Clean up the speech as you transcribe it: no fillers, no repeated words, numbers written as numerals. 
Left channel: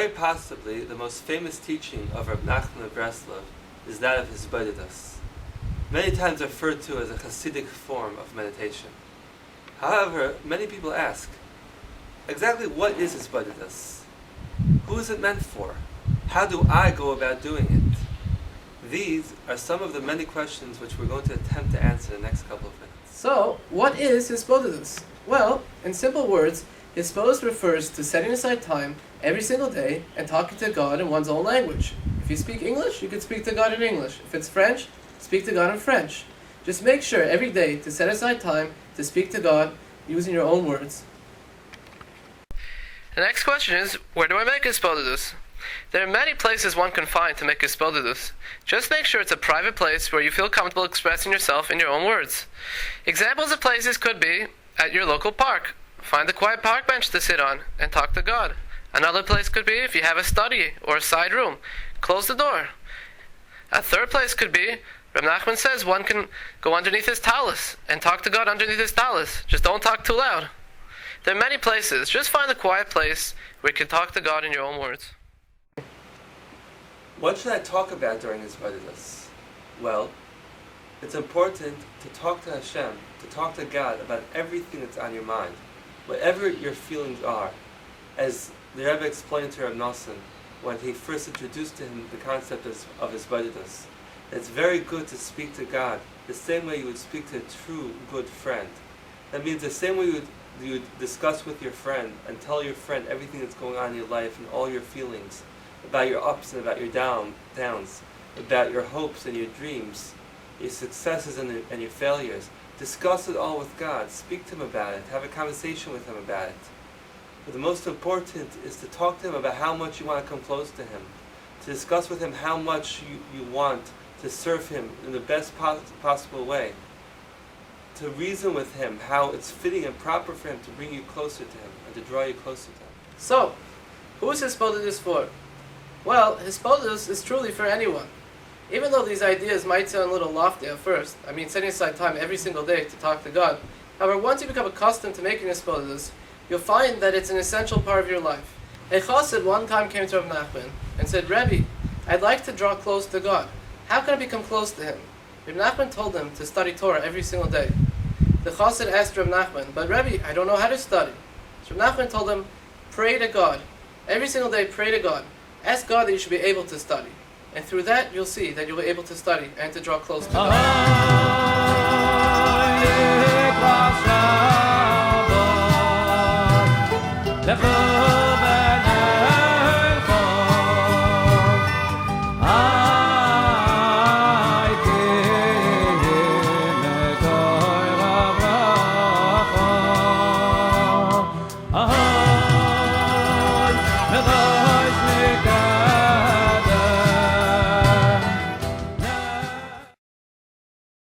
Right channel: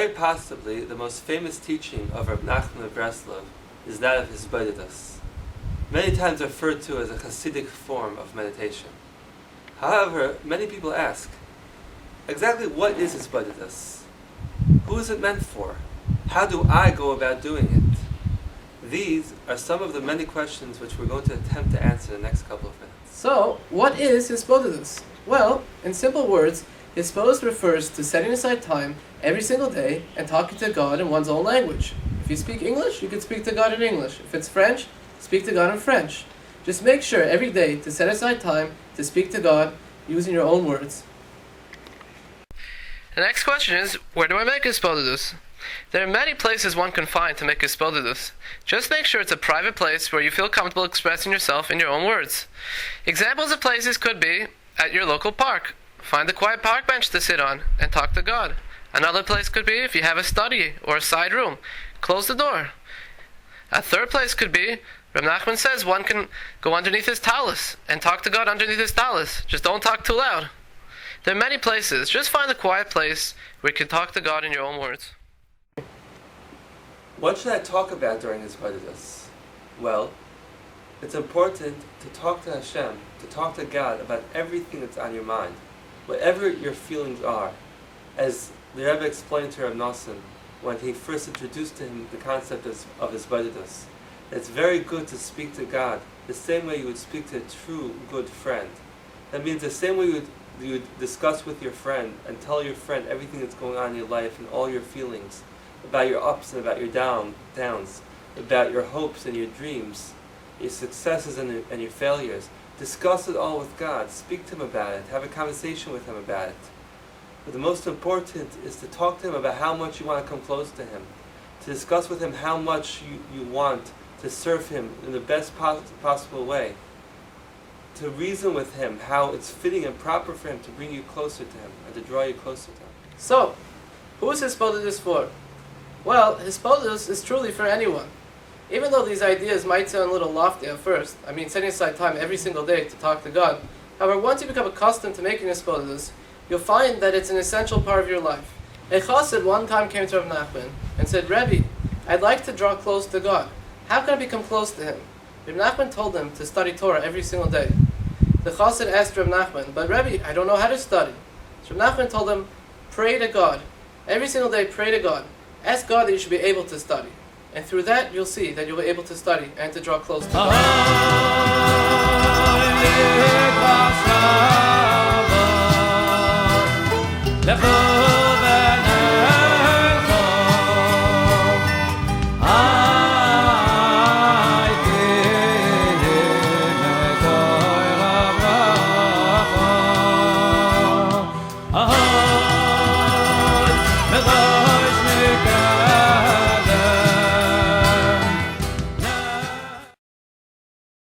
Very possibly, the most famous teaching of Reb Nachman of Breslov is that of Hisbodedus, many times referred to as a Chasidic form of meditation. However, many people ask, exactly what is Hisbodedus? Who is it meant for? How do I go about doing it? These are some of the many questions which we're going to attempt to answer in the next couple of minutes. So, what is Hisbodedus? Well, in simple words, Hisbodedus refers to setting aside time every single day and talking to God in one's own language. If you speak English, you can speak to God in English. If it's French, speak to God in French. Just make sure every day to set aside time to speak to God using your own words. The next question is, where do I make Hisbodedus? There are many places one can find to make Hisbodedus. Just make sure it's a private place where you feel comfortable expressing yourself in your own words. Examples of places could be at your local park. Find a quiet park bench to sit on and talk to God. Another place could be if you have a study or a side room. Close the door. A third place could be, Reb Nachman says one can go underneath his talus and talk to God underneath his talus. Just don't talk too loud. There are many places. Just find a quiet place where you can talk to God in your own words. What should I talk about during Hisbodedus? Well, it's important to talk to Hashem, to talk to God about everything that's on your mind, whatever your feelings are. As the Rebbe explained to Reb Nosson when he first introduced to him the concept of Hisbodedus, it's very good to speak to God the same way you would speak to a true, good friend. That means the same way you would discuss with your friend and tell your friend everything that's going on in your life and all your feelings, about your ups and about your downs, about your hopes and your dreams, your successes and your failures. Discuss it all with God. Speak to Him about it. Have a conversation with Him about it. But the most important is to talk to Him about how much you want to come close to Him. To discuss with Him how much you want to serve Him in the best possible way. To reason with Him how it's fitting and proper for Him to bring you closer to Him and to draw you closer to Him. So, who is Hisbodedus for? Well, Hisbodedus is truly for anyone. Even though these ideas might sound a little lofty at first, setting aside time every single day to talk to God. However, once you become accustomed to making Hisbodedus, you'll find that it's an essential part of your life. A Chassid one time came to Reb Nachman and said, Rebbe, I'd like to draw close to God. How can I become close to Him? Reb Nachman told him to study Torah every single day. The Chassid asked Reb Nachman, but Rebbe, I don't know how to study. So Reb Nachman told him, pray to God. Every single day, pray to God. Ask God that you should be able to study. And through that, you'll see that you'll be able to study and to draw close to God.